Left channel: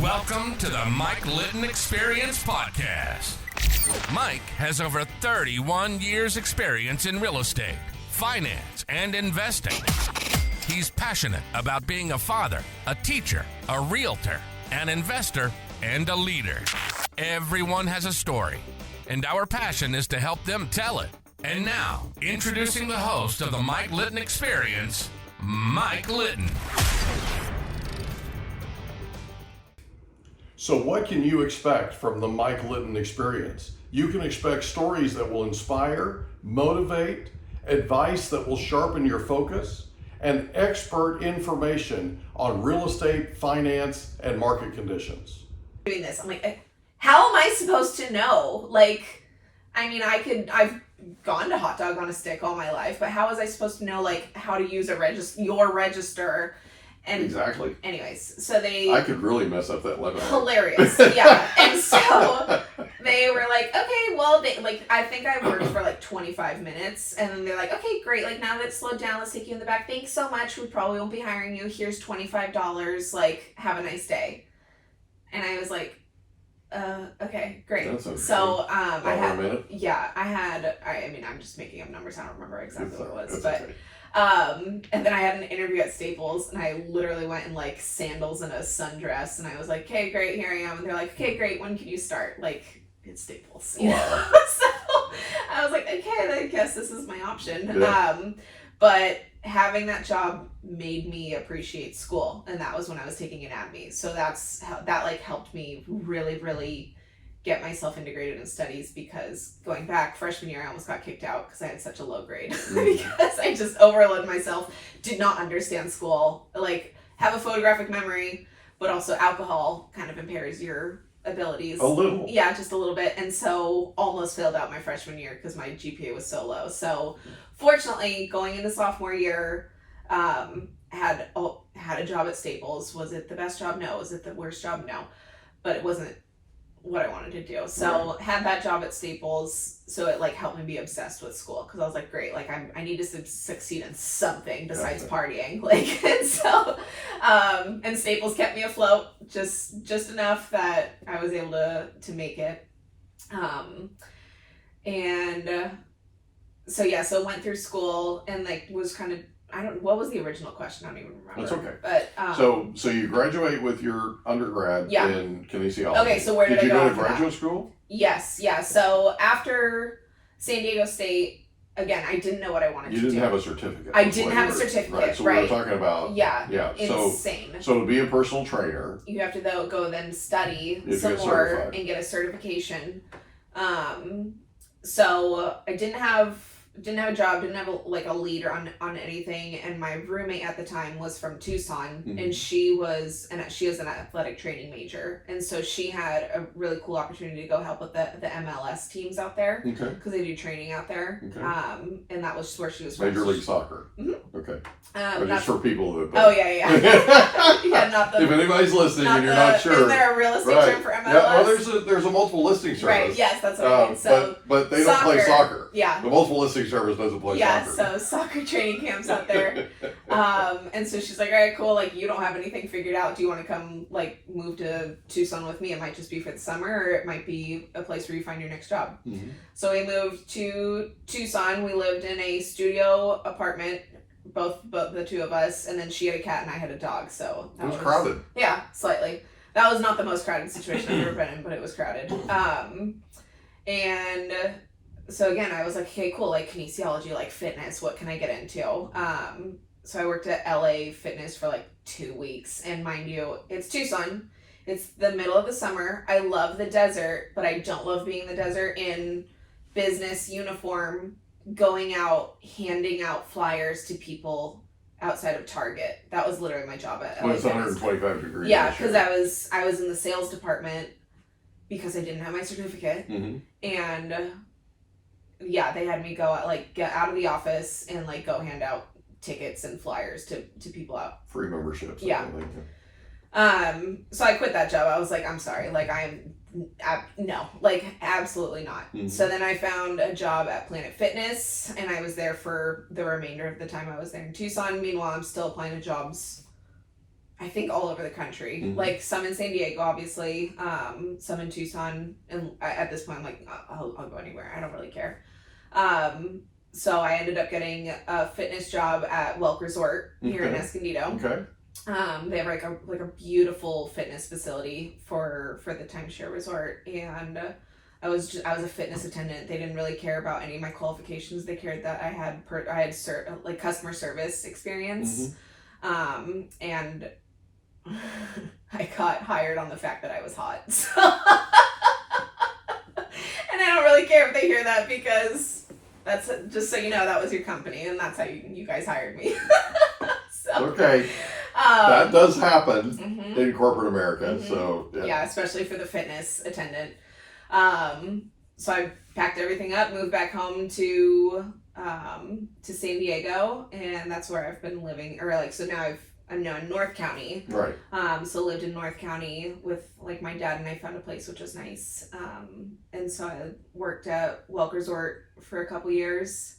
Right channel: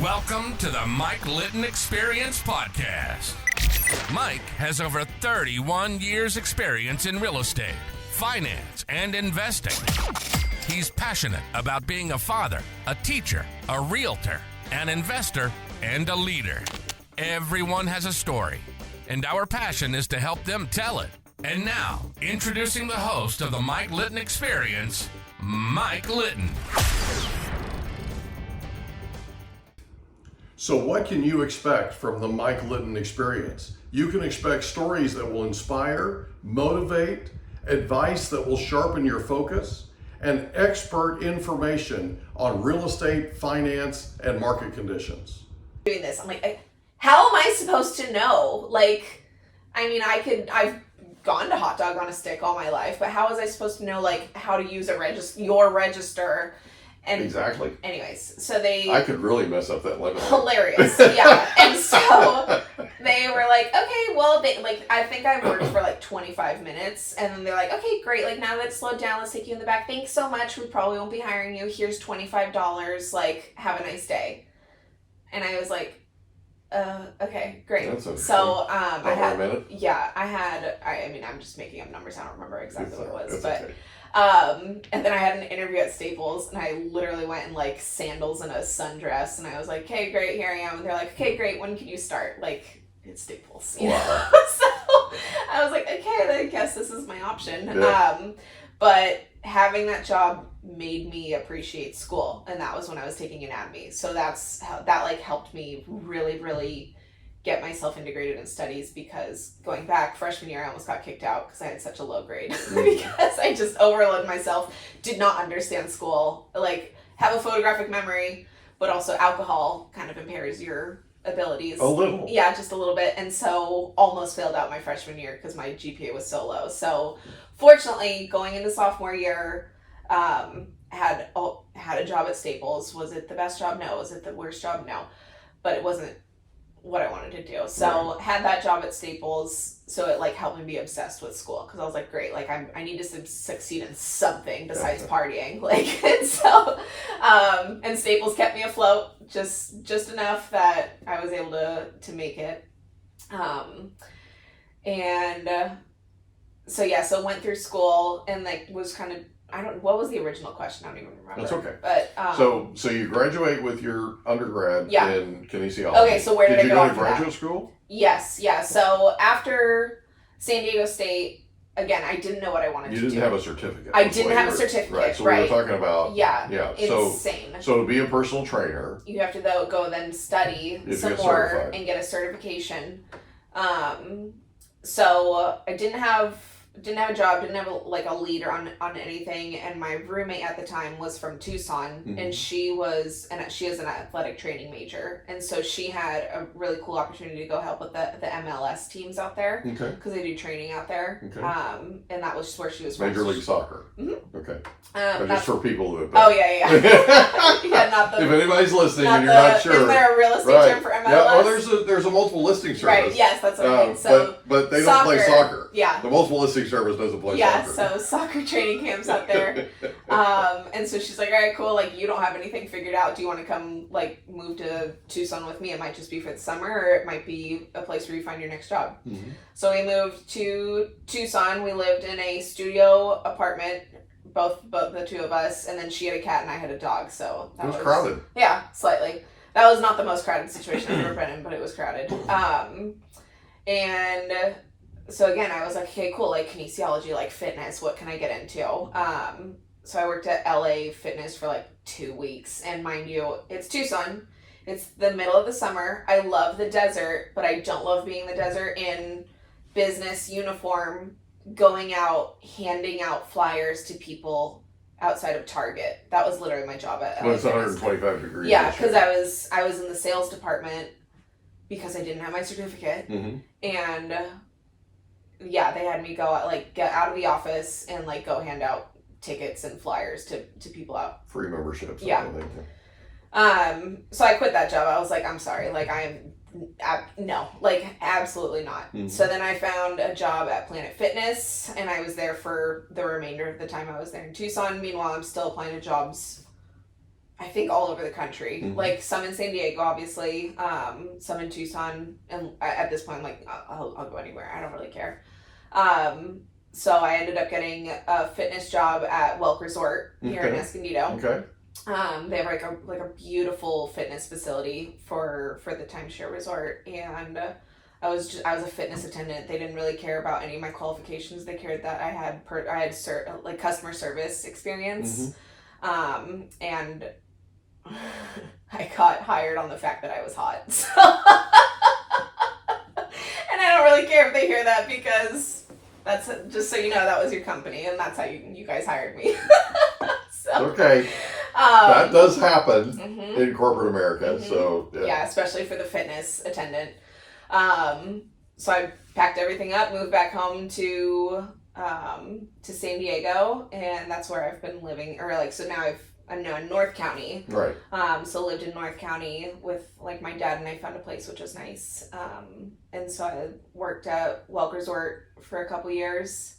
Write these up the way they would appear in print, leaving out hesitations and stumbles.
Welcome to the Mike Litton Experience podcast. Mike has over 31 years experience in real estate, finance, and investing. He's passionate about being a father, a teacher, a realtor, an investor, and a leader. Everyone has a story, and our passion is to help them tell it. And now, introducing the host of the Mike Litton Experience, Mike Litton. So what can you expect from the Mike Litton Experience? You can expect stories that will inspire, motivate, advice that will sharpen your focus, and expert information on real estate, finance, and market conditions. Doing this, I'm like, how am I supposed to know? I've gone to Hot Dog on a Stick all my life, but how was I supposed to know how to use your register? And exactly. Anyways, so I could really mess up that limit. Hilarious, yeah. And so they were like, okay, well, I think I worked for 25 minutes, and then they're like, okay, great. Now that it's slowed down, let's take you in the back. Thanks so much. We probably won't be hiring you. Here's $25. Have a nice day. And I was like, okay, great. That's okay. So, I had a minute. Yeah, I'm just making up numbers. I don't remember exactly what it was, but. Okay. And then I had an interview at Staples, and I literally went in sandals and a sundress, and I was like, okay, great, here I am. And they're like, okay, great, when can you start? It's Staples. You know? So I was like, okay, I guess this is my option. Yeah. But having that job made me appreciate school, and that was when I was taking anatomy. So that's how that helped me really, really get myself integrated in studies, because going back freshman year I almost got kicked out because I had such a low grade because I just overloaded myself, did not understand school, have a photographic memory, but also alcohol kind of impairs your abilities. A little. Yeah, just a little bit. And so almost failed out my freshman year because my GPA was so low. So fortunately, going into sophomore year, had a job at Staples. Was it the best job? No. Was it the worst job? No. But it wasn't what I wanted to do. So had that job at Staples, so it helped me be obsessed with school, because I was like, great, I need to succeed in something besides partying. And so and Staples kept me afloat just enough that I was able to make it. So went through school and was kind of, what was the original question? I don't even remember. That's okay. But so you graduate with your undergrad in kinesiology. Okay, so where did I go you go to after graduate that? school? Yes, yeah. So after San Diego State, again, I didn't know what I wanted to do. You didn't have a certificate. I didn't have a certificate, right? So we were talking about insane. So to be a personal trainer, you have to go then study some more and get a certification. So I didn't have a job, didn't have a leader on anything, and my roommate at the time was from Tucson, and she is an athletic training major, and so she had a really cool opportunity to go help with the MLS teams out there, because they do training out there, and that was where she was from. Major League Soccer. Okay. Just for people that yeah. Not the, if anybody's listening and you're not sure, is there a real estate term for MLS? Yeah, well, there's a multiple listing service. Right. Yes, that's what I mean. So, but they don't play soccer. Yeah. The multiple listing service doesn't play soccer. Yeah. So soccer training camps out there. And so she's like, all right, cool. You don't have anything figured out. Do you want to come move to Tucson with me? It might just be for the summer, or it might be a place where you find your next job. So we moved to Tucson. We lived in a studio apartment, both the two of us, and then she had a cat and I had a dog, so it was crowded. Yeah, slightly. That was not the most crowded situation I've ever been in, but it was crowded. And so again, I was like, okay, cool, kinesiology, fitness, what can I get into? So I worked at LA Fitness for 2 weeks, and mind you, it's Tucson. It's the middle of the summer. I love the desert, but I don't love being in the desert in business uniform, going out, handing out flyers to people outside of Target. That was literally my job at when it's 125 degrees. Yeah, because I was in the sales department because I didn't have my certificate, and they had me go out, get out of the office and go hand out tickets and flyers to people out. Free memberships. Yeah. So I quit that job. I was like, I'm sorry, no, absolutely not. So then I found a job at Planet Fitness, and I was there for the remainder of the time I was there in Tucson. Meanwhile, I'm still applying to jobs I think all over the country, like some in San Diego, obviously, some in Tucson, and at this point, I'm like, I'll go anywhere. I don't really care. So I ended up getting a fitness job at Welk Resort here in Escondido. Okay. They have like a beautiful fitness facility for the timeshare resort, and I was a fitness attendant. They didn't really care about any of my qualifications. They cared that I had like customer service experience, and I got hired on the fact that I was hot. So and I don't really care if they hear that, because that's just so you know, that was your company, and that's how you guys hired me. So, okay. That does happen in corporate America. So yeah, especially for the fitness attendant. So I packed everything up, moved back home to San Diego, and that's where I've been living. Or like, so now I'm now in North County. Right. So lived in North County with like my dad, and I found a place which was nice. And so I worked at Welk Resort for a couple years.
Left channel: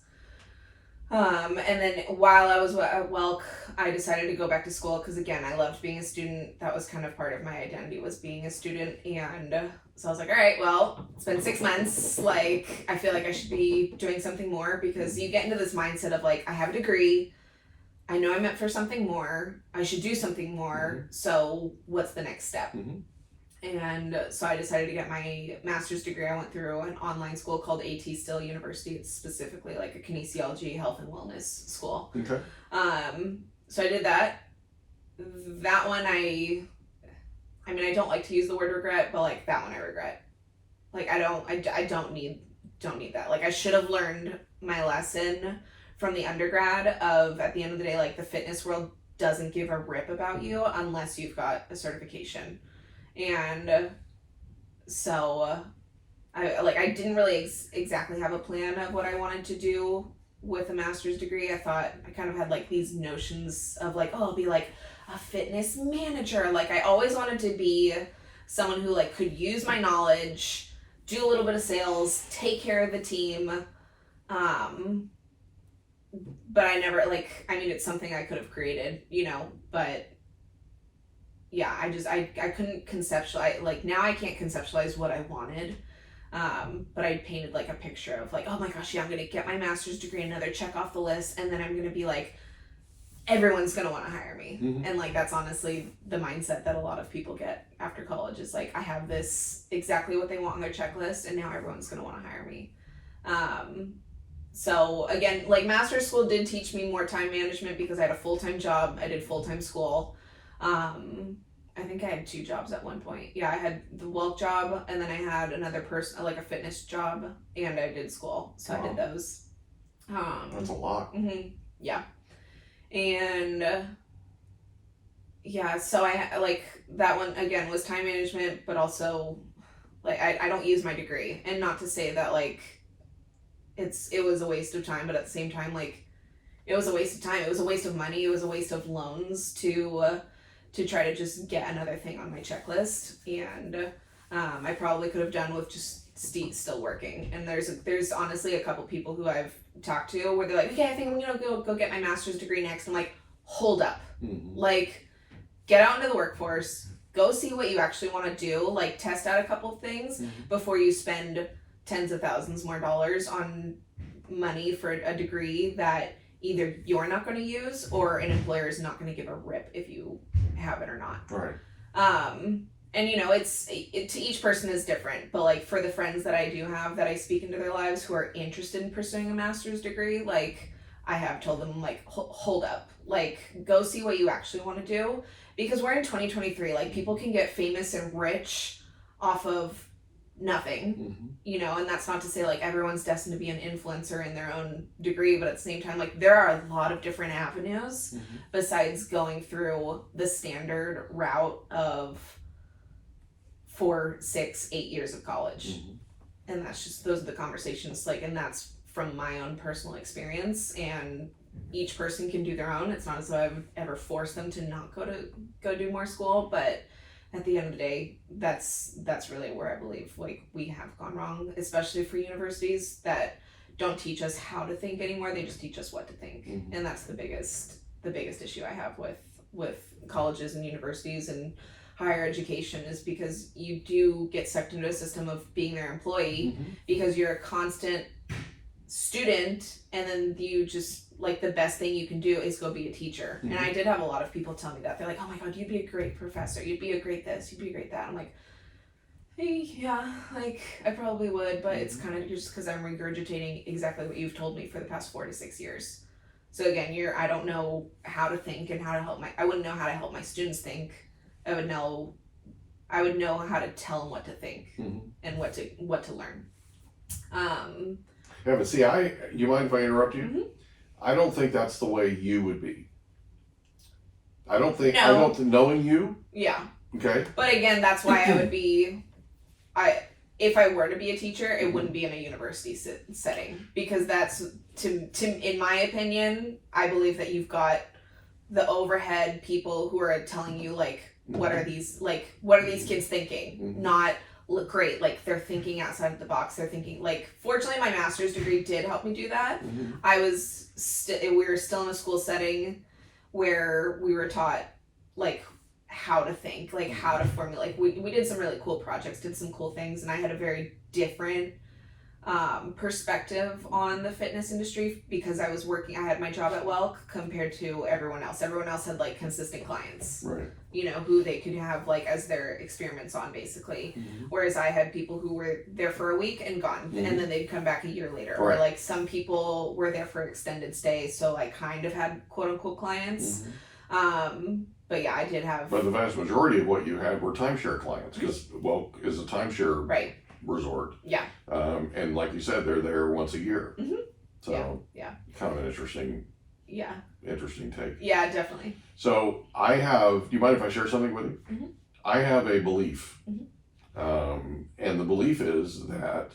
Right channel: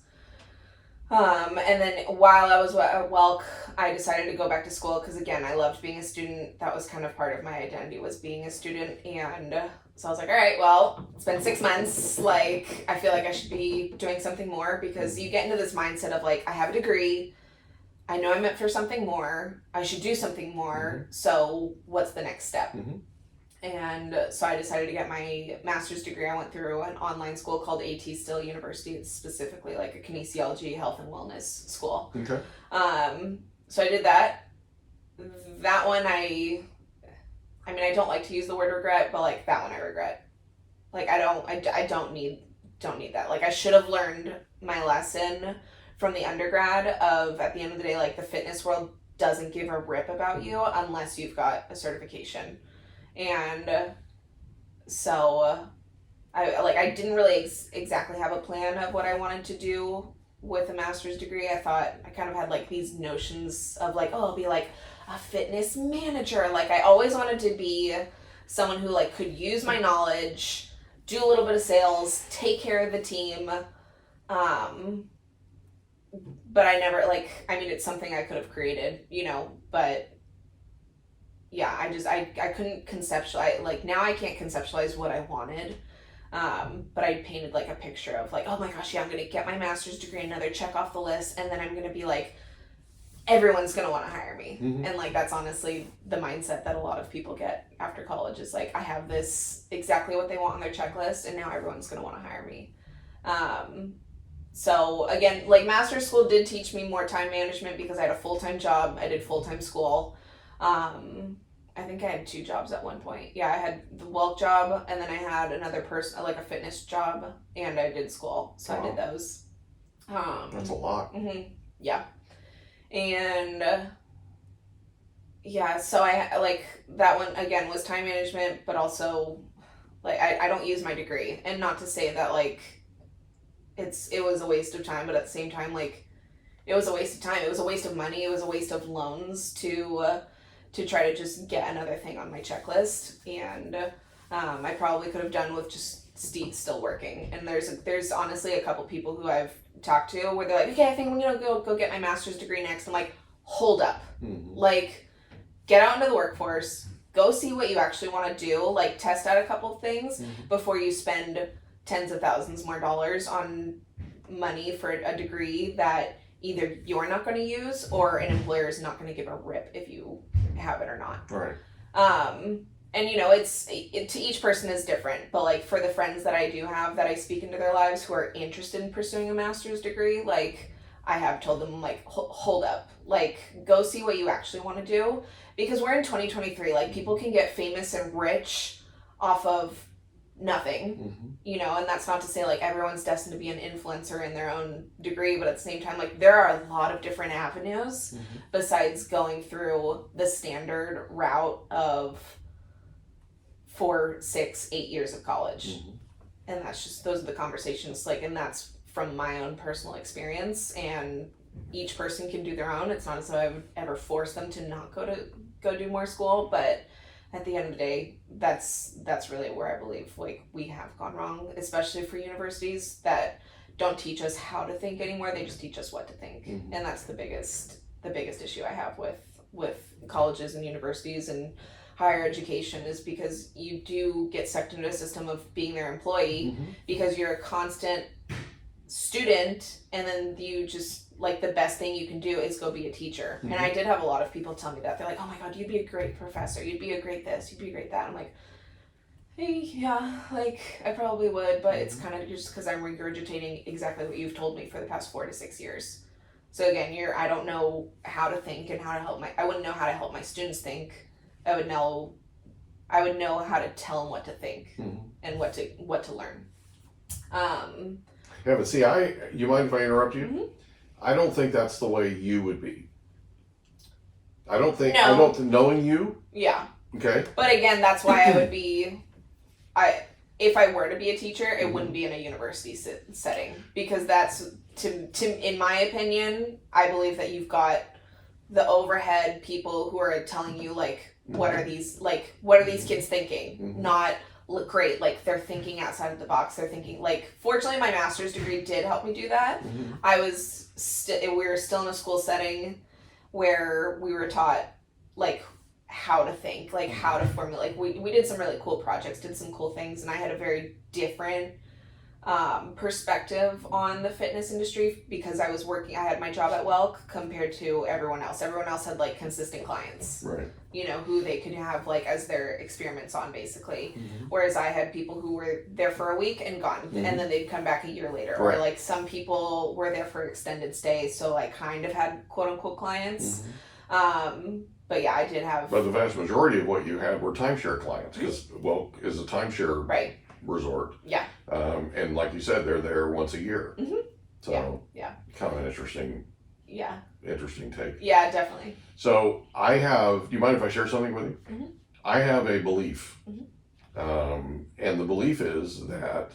And then while I was at Welk, I decided to go back to school, because again, I loved being a student. That was kind of part of my identity, was being a student. And so I was like, all right, well, it's been 6 months. Like, I feel like I should be doing something more, because you get into this mindset of like, I have a degree. I know I'm meant for something more. I should do something more. So what's the next step? And so I decided to get my master's degree. I went through an online school called AT Still University. It's specifically like a kinesiology, health and wellness school. Okay. So I did that. That one I mean, I don't like to use the word regret, but like that one I regret. Like I don't need that. Like I should have learned my lesson from the undergrad of, at the end of the day, like the fitness world doesn't give a rip about you unless you've got a certification. And so I didn't really exactly have a plan of what I wanted to do with a master's degree. I thought I kind of had like these notions of like, oh, I'll be like a fitness manager. Like I always wanted to be someone who like could use my knowledge, do a little bit of sales, take care of the team. But I never it's something I could have created, but yeah, I couldn't conceptualize, like now I can't conceptualize what I wanted. But I painted like a picture of like, oh my gosh, yeah, I'm going to get my master's degree, another check off the list. And then I'm going to be like, everyone's going to want to hire me. And like, that's honestly the mindset that a lot of people get after college, is like, I have this exactly what they want on their checklist, and now everyone's going to want to hire me. So again, like master's school did teach me more time management, because I had a full-time job. I did full-time school. I think I had 2 jobs at one point. Yeah, I had the Welk job, and then I had another person, like a fitness job, and I did school. So wow. I did those. That's a lot. Yeah. And yeah, so I like that one again was time management, but also like I don't use my degree, and not to say that like it was a waste of time, but at the same time, like it was a waste of time. It was a waste of money. It was a waste of loans to try to just get another thing on my checklist. And I probably could have done with just still working. And there's honestly a couple people who I've talked to where they're like, okay, I think I'm gonna go get my master's degree next. I'm like, hold up. Like, get out into the workforce, go see what you actually want to do, like test out a couple of things before you spend tens of thousands more dollars on money for a degree that either you're not going to use or an employer is not going to give a rip if you have it or not. Right. And it to each person is different, but like for the friends that I do have that I speak into their lives who are interested in pursuing a master's degree, like I have told them like, hold up, like go see what you actually want to do, because we're in 2023, like people can get famous and rich off of nothing, and that's not to say like everyone's destined to be an influencer in their own degree, but at the same time, like there are a lot of different avenues besides going through the standard route of 4, 6, 8 years of college. And that's just, those are the conversations, like, and that's from my own personal experience, and each person can do their own. It's not as though I would ever force them to not go do more school, but at the end of the day, that's really where I believe like we have gone wrong, especially for universities that don't teach us how to think anymore. They just teach us what to think, and that's the biggest issue I have with colleges and universities and higher education is because you do get sucked into a system of being their employee because you're a constant student, and then you just like the best thing you can do is go be a teacher. And I did have a lot of people tell me that. They're like, oh my god, you'd be a great professor, you'd be a great this, you'd be a great that. I'm like, hey, yeah, like I probably would, but it's kind of just because I'm regurgitating exactly what you've told me for the past 4 to 6 years. So again, I don't know how to think and how to help I wouldn't know how to help my students think. I would know how to tell them what to think and what to learn. Yeah, but see, you mind if I interrupt you? I don't think that's the way you would be. I don't think knowing you. Yeah. Okay. But again, that's why I would be, if I were to be a teacher, it wouldn't be in a university setting, because that's in my opinion, I believe that you've got the overhead people who are telling you like, what are these kids thinking? Not look great, like they're thinking outside of the box. They're thinking like, fortunately my master's degree did help me do that. I was we were still in a school setting where we were taught like how to think, like how to formulate. Like we did some really cool projects, did some cool things, and I had a very different perspective on the fitness industry because I had my job at Welk compared to everyone else. Everyone else had like consistent clients, right? You know, who they could have like as their experiments on basically. Whereas I had people who were there for a week and gone, and then they'd come back a year later. Right. Or like some people were there for extended stays, so like kind of had quote unquote clients. But yeah, I did have. But the vast majority of what you had were timeshare clients because Welk is a timeshare resort. Yeah. And like you said, they're there once a year. So yeah. Kind of an interesting. Yeah. Interesting take. Yeah, definitely. So do you mind if I share something with you? I have a belief. And the belief is that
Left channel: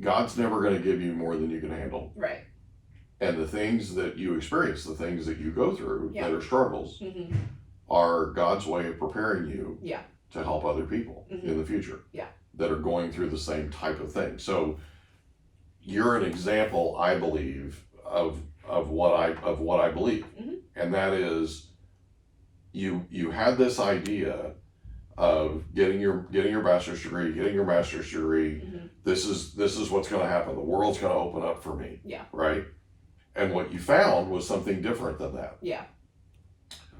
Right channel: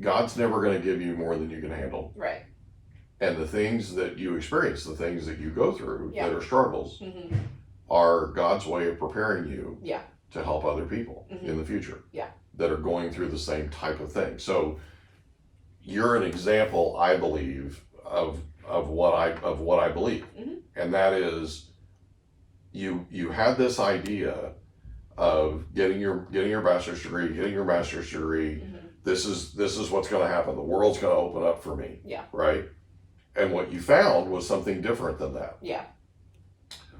God's never going to give you more than you can handle. Right. And the things that you experience, the things that you go through that are struggles, are God's way of preparing you to help other people in the future that are going through the same type of thing. So you're an example, I believe, of what I believe. And that is you had this idea of getting your bachelor's degree, this is what's going to happen. The world's going to open up for me. Yeah. Right? And what you found was something different than that. Yeah.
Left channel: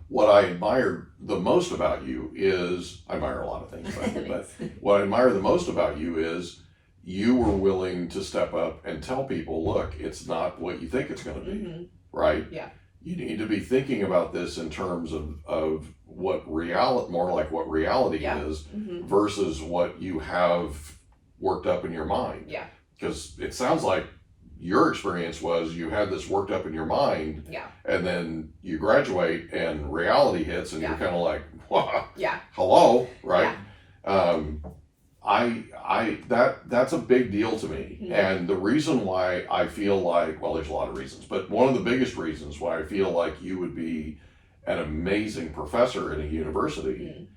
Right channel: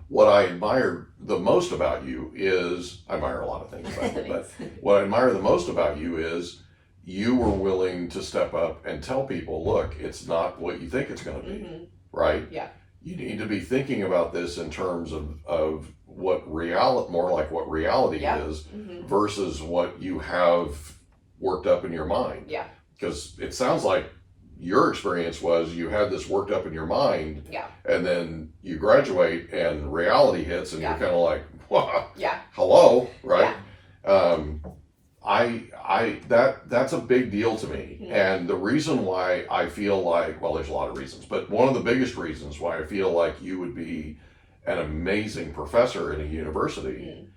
What I admire the most about you is, I admire a lot of things about you, but what I admire the most about you is you were willing to step up and tell people, look, it's not what you think it's going to be, right? Yeah. You need to be thinking about this in terms of what reality is versus what you have worked up in your mind. Yeah. Because it sounds like your experience was you had this worked up in your mind, and then you graduate and reality hits, and you're kind of like, "Wow, hello," right? That's a big deal to me, and the reason why I feel like, well, there's a lot of reasons, but one of the biggest reasons why I feel like you would be an amazing professor in a university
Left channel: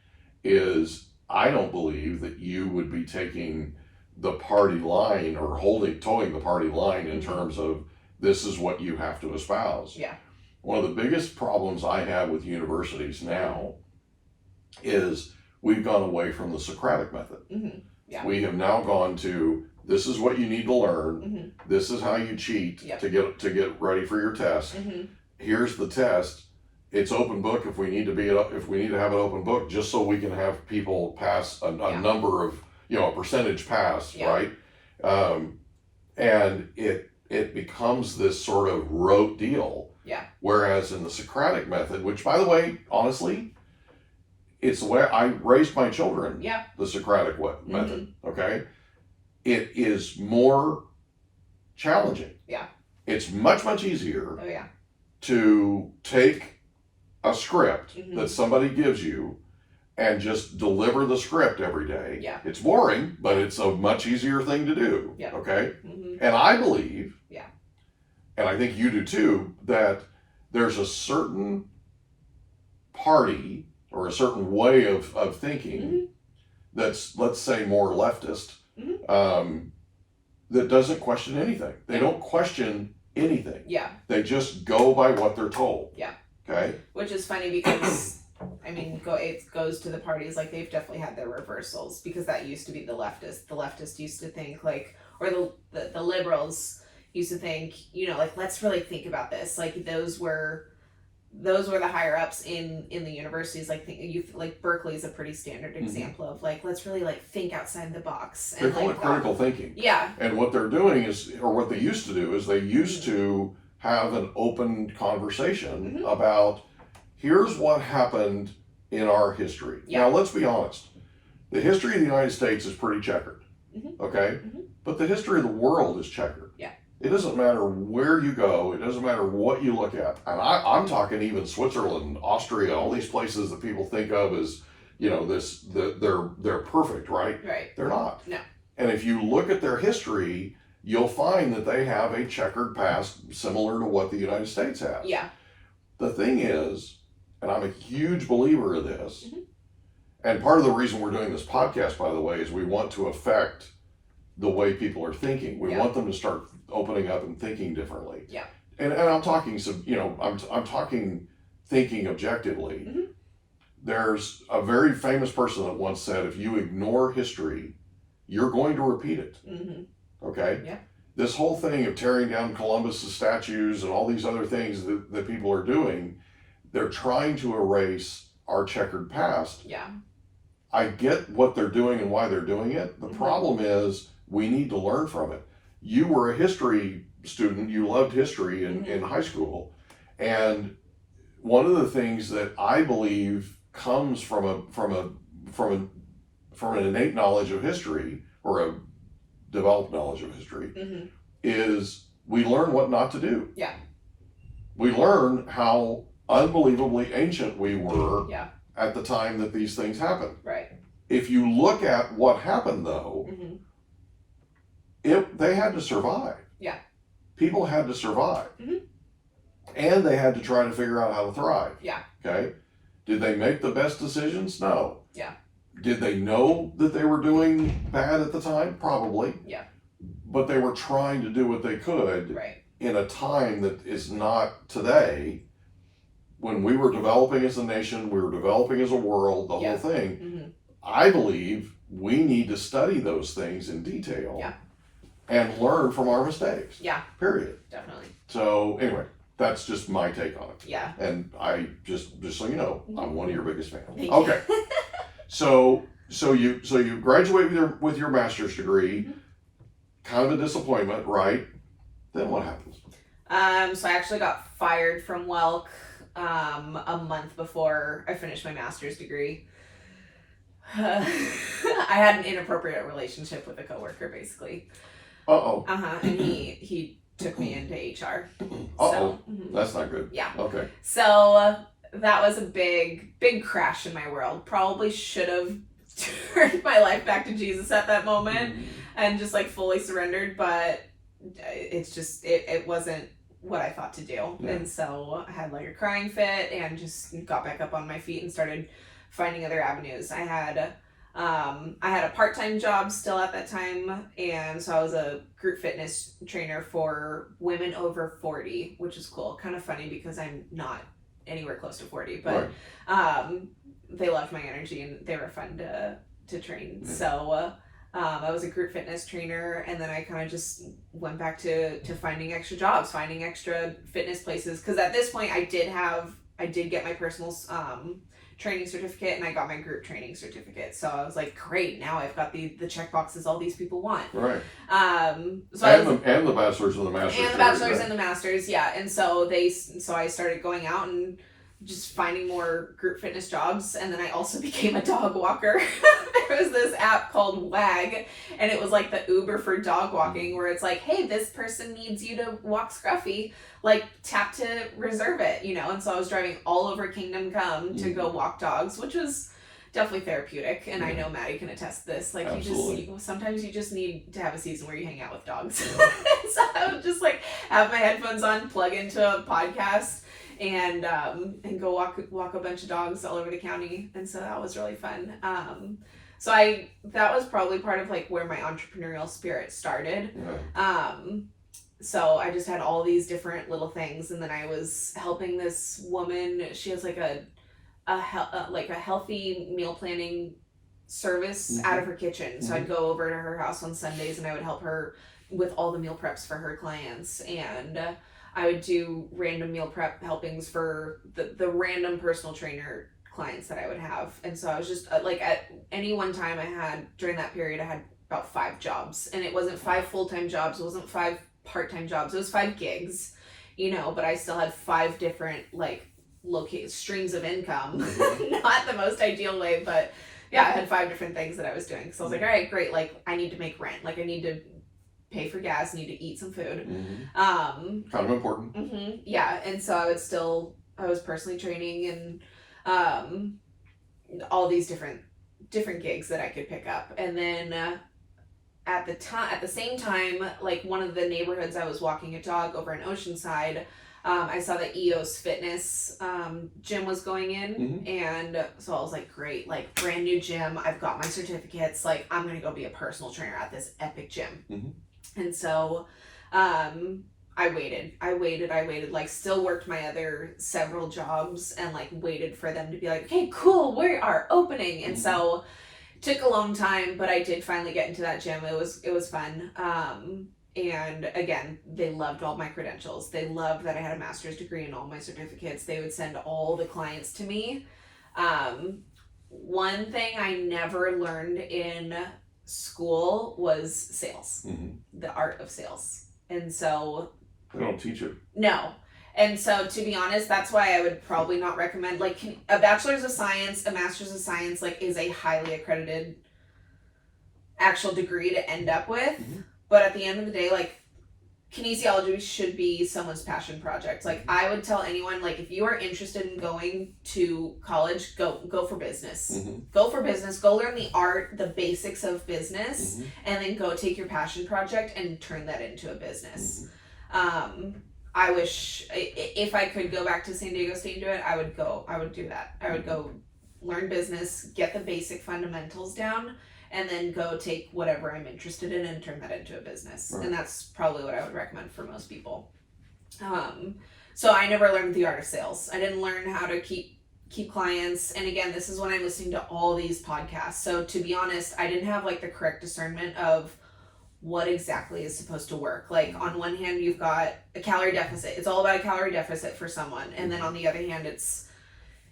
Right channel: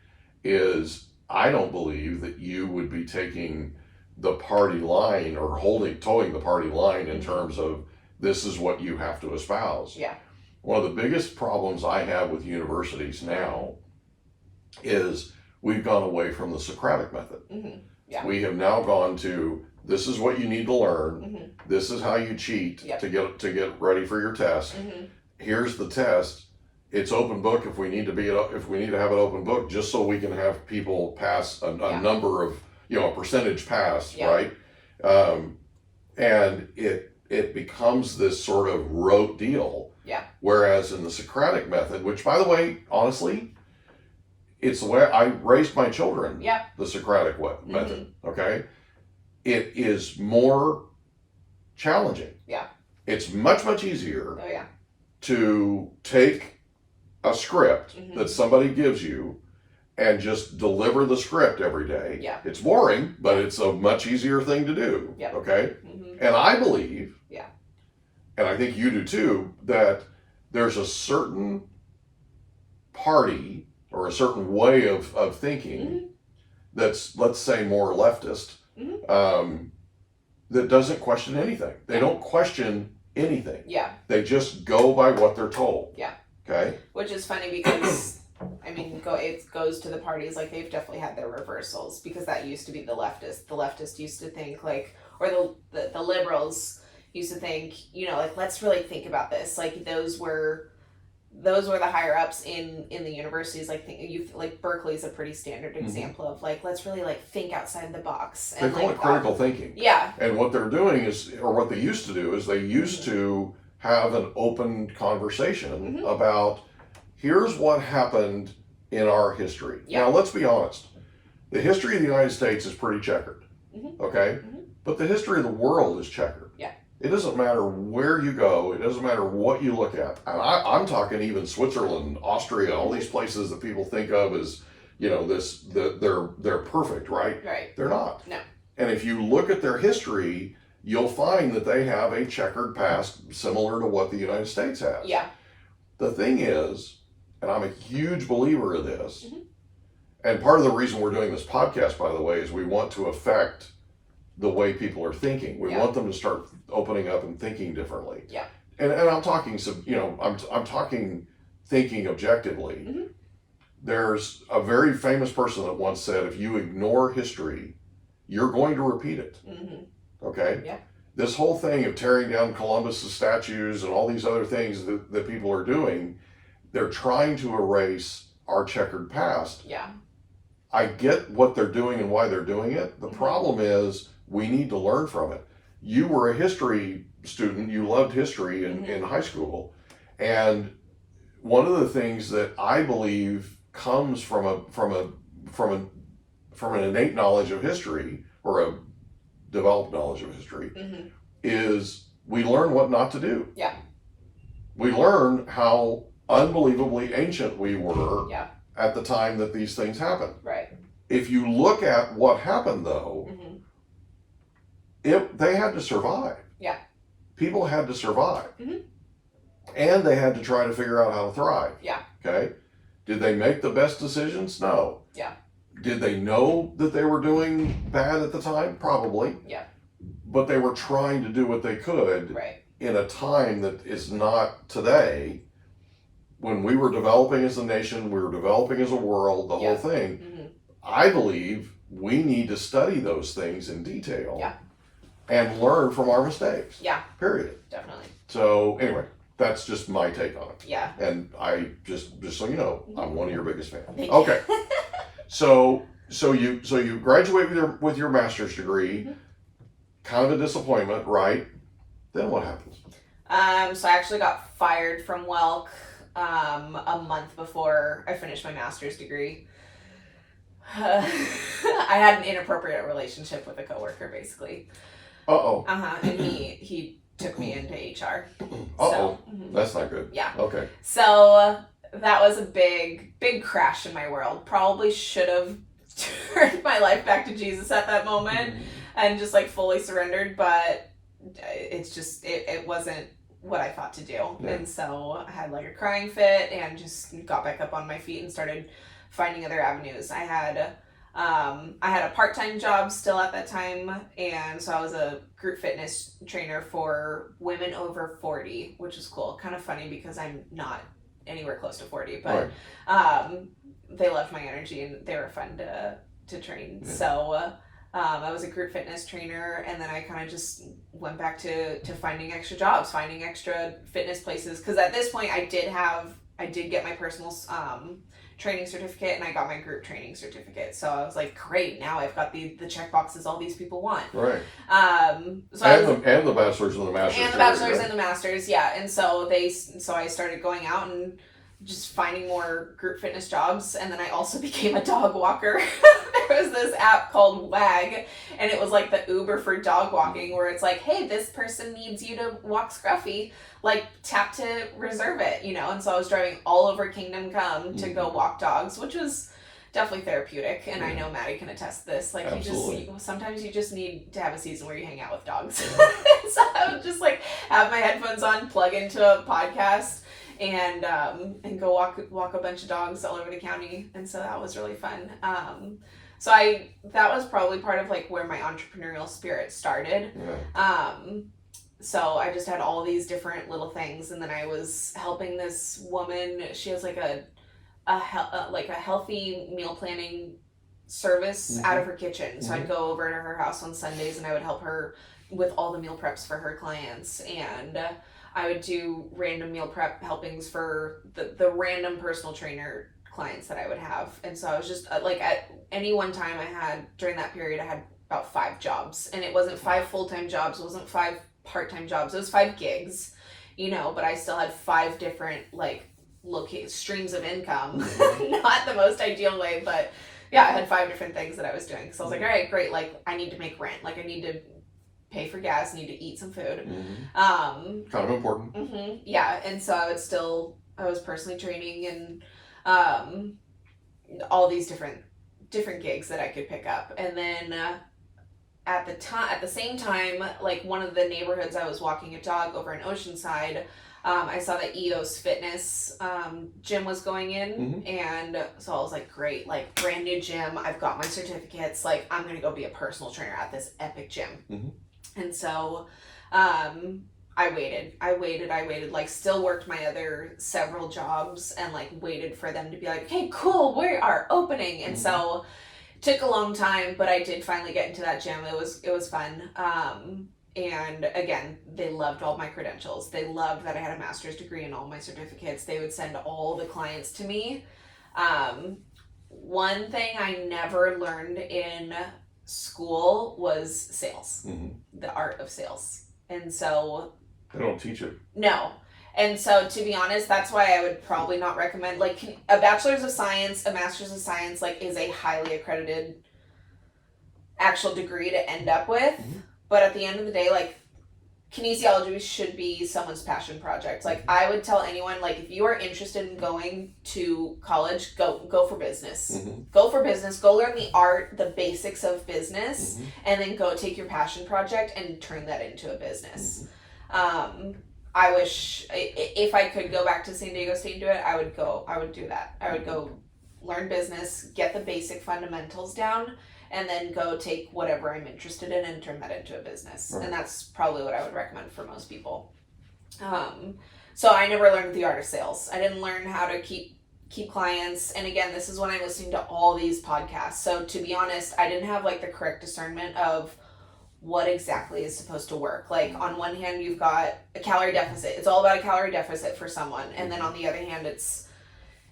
is I don't believe that you would be taking the party line or towing the party line in terms of this is what you have to espouse. Yeah. One of the biggest problems I have with universities now is we've gone away from the Socratic method. Yeah. We have now gone to this is what you need to learn. This is how you cheat to get ready for your test. Here's the test. It's open book if we need to have it open book just so we can have people pass a number of a percentage pass, right? And it becomes this sort of rote deal. Yeah. Whereas in the Socratic method, which by the way, honestly, it's the way I raised my children. Yeah. The Socratic method. Okay. It is more challenging. Yeah. It's much easier. Oh yeah. To take a script that somebody gives you and just deliver the script every day. Yeah. It's boring, but it's a much easier thing to do. Yeah. Okay? And I believe, and I think you do too, that there's a certain party or a certain way of thinking that's, let's say, more leftist, that doesn't question anything. They don't question anything. Yeah. They just go by what they're told. Yeah. Okay. Which is funny because, I mean, it goes to the parties, like, they've definitely had their reversals, because that used to be the leftist. The leftist used to think, like, or the liberals used to think, you know, like, let's really think about this. Like, those were the higher ups in the universities. Like Berkeley's a pretty standard example of, like, let's really, like, think outside the box. They call it critical thinking. Yeah. And what they're doing is, or what they used to do is, they used to have an open conversation about, here's what happened in our history. Yeah. Now, let's be honest. The history of the United States is pretty checkered. Okay? But the history of the world is checkered. Yeah. It doesn't matter where you go. It doesn't matter what you look at. And I'm talking even Switzerland, Austria, all these places that people think of as, you know, they're perfect, right? Right. They're not. No. And if you look at their history, you'll find that they have a checkered past similar to what the United States has. Yeah. The thing is, and I'm a huge believer in this, and part of the reason we're doing this podcast, by the way, is we want to affect the way people are thinking. We want them to start opening up and thinking differently. Yeah. And I'm talking I'm talking thinking objectively. There's a very famous person that once said, if you ignore history, you're going to repeat it. Okay? Yeah. This whole thing of tearing down Columbus's statues and all these other things that people are doing, they're trying to erase our checkered past. Yeah. I get what they're doing and why they're doing it. The problem is, we need to learn from it. You were a history student. You loved history in high school. And one of the things that I believe comes from an innate knowledge of history, or a developed knowledge of history, is we learn what not to do. Yeah. We learn how unbelievably ancient we were at the time that these things happened. Right. If you look at what happened, though, they had to survive. Yeah. People had to survive. And they had to try to figure out how to thrive. Yeah. Okay. Did they make the best decisions? No. Yeah. Did they know that they were doing bad at the time? Probably. Yeah. But they were trying to do what they could in a time that is not today. When we were developing as a nation, we were developing as a world, the whole thing. I believe we need to study those things in detail and learn from our mistakes. Yeah. Period. Definitely. So anyway, that's just my take on it. Yeah. And I just so you know, I'm one of your biggest fans. Okay. So you graduate with your master's degree. Kind of a disappointment, right? Then what happens? So I actually got fired from Welk a month before I finished my master's degree. I had an inappropriate relationship with a coworker, basically. And he took me into HR. That's not good. Yeah. Okay. So that was a big crash in my world. Probably should have turned my life back to Jesus at that moment and just, like, fully surrendered, but it's just it wasn't what I thought to do. Yeah. And so I had, like, a crying fit and just got back up on my feet and started finding other avenues. I had a part-time job still at that time, and so I was a group fitness trainer for women over 40, which is cool. Kind of funny because I'm not anywhere close to 40, but they loved my energy and they were fun to train. Yeah. So I was a group fitness trainer, and then I kind of just went back to finding extra jobs, finding extra fitness places, because at this point I did get my personal training certificate, and I got my group training certificate. So I was like, great, now I've got the check boxes all these people want. Right. So and the bachelor's and the master's. And the bachelor's and the master's, yeah. And so I started going out and just finding more group fitness jobs, and then I also became a dog walker. There was this app called WAG, and it was like the Uber for dog walking, where it's like, hey, this person needs you to walk Scruffy, like, tap to reserve it, you know. And so I was driving all over Kingdom Come to go walk dogs, which was definitely therapeutic. And I know Maddie can attest this. Like, sometimes you just need to have a season where you hang out with dogs. So I would just, like, have my headphones on, plug into a podcast, and go walk a bunch of dogs all over the county. And so that was really fun. So that was probably part of, like, where my entrepreneurial spirit started. Yeah. So I just had all these different little things, and then I was helping this woman. She has like a healthy meal planning service out of her kitchen. So I'd go over to her house on Sundays, and I would help her with all the meal preps for her clients, and I would do random meal prep helpings for the random personal trainer clients that I would have. And so I was just like, at any one time during that period, I had about 5 jobs, and it wasn't 5 full-time jobs, it wasn't 5 part-time jobs, it was 5 gigs, but I still had 5 different like streams of income. Not the most ideal way, but yeah, I had 5 different things that I was doing. So I was like, all right, great, like I need to make rent, like I need to pay for gas, need to eat some food. Kind of important. Yeah, and so I was personally training and all these different gigs that I could pick up. And then at the same time, like one of the neighborhoods I was walking a dog over in Oceanside, I saw that EOS Fitness gym was going in, and so I was like, great, like brand new gym, I've got my certificates, like I'm gonna go be a personal trainer at this epic gym. And so I waited, like still worked my other several jobs and like waited for them to be like, okay, cool, we are opening. And so it took a long time, but I did finally get into that gym. It was fun. And again, they loved all my credentials. They loved that I had a master's degree and all my certificates. They would send all the clients to me. One thing I never learned in school was sales, the art of sales. And so they don't teach it. No. And so to be honest, that's why I would probably not recommend, like a bachelor's of science, a master's of science, like is a highly accredited actual degree to end up with. But at the end of the day, like kinesiology should be someone's passion project. Like I would tell anyone, like if you are interested in going to college, go for business. Go for business, go learn the art, the basics of business, and then go take your passion project and turn that into a business. I wish if I could go back to San Diego State and do it, I would do that. I would go learn business, get the basic fundamentals down, and then go take whatever I'm interested in and turn that into a business. And that's probably what I would recommend for most people. So I never learned the art of sales. I didn't learn how to keep clients. And again, this is when I'm listening to all these podcasts. So to be honest, I didn't have like the correct discernment of what exactly is supposed to work. Like on one hand, you've got a calorie deficit. It's all about a calorie deficit for someone. And then on the other hand, it's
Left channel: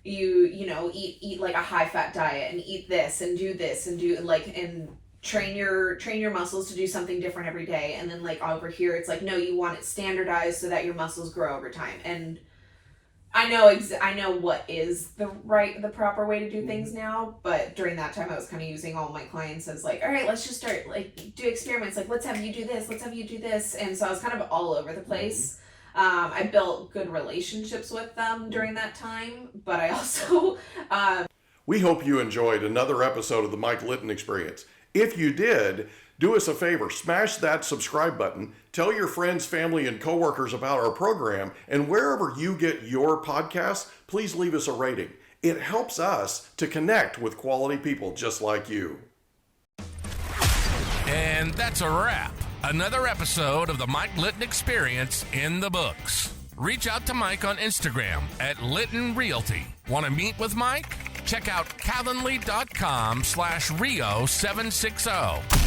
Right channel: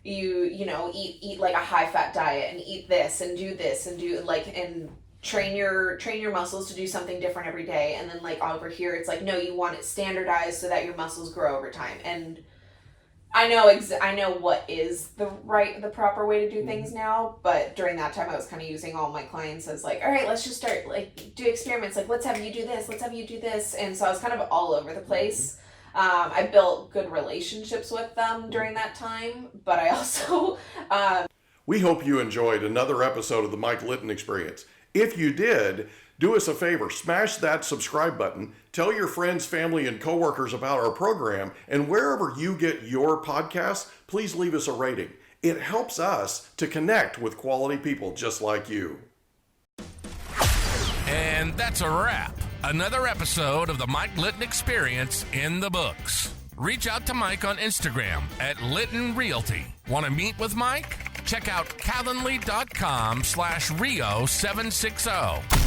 you know, eat like a high fat diet and eat this and do this and do like, and train your muscles to do something different every day. And then like over here, it's like, no, you want it standardized so that your muscles grow over time. And I know what is the proper way to do things now, but during that time I was kind of using all my clients as like, all right, let's just start like do experiments, like let's have you do this, let's have you do this. And so I was kind of all over the place. I built good relationships with them during that time, but I also We hope you enjoyed another episode of the Mike Litton Experience. If you did, do us a favor, smash that subscribe button, tell your friends, family, and coworkers about our program, and wherever you get your podcasts, please leave us a rating. It helps us to connect with quality people just like you. And that's a wrap. Another episode of the Mike Litton Experience in the books. Reach out to Mike on Instagram at Litton Realty. Want to meet with Mike? Check out calendly.com/Rio760.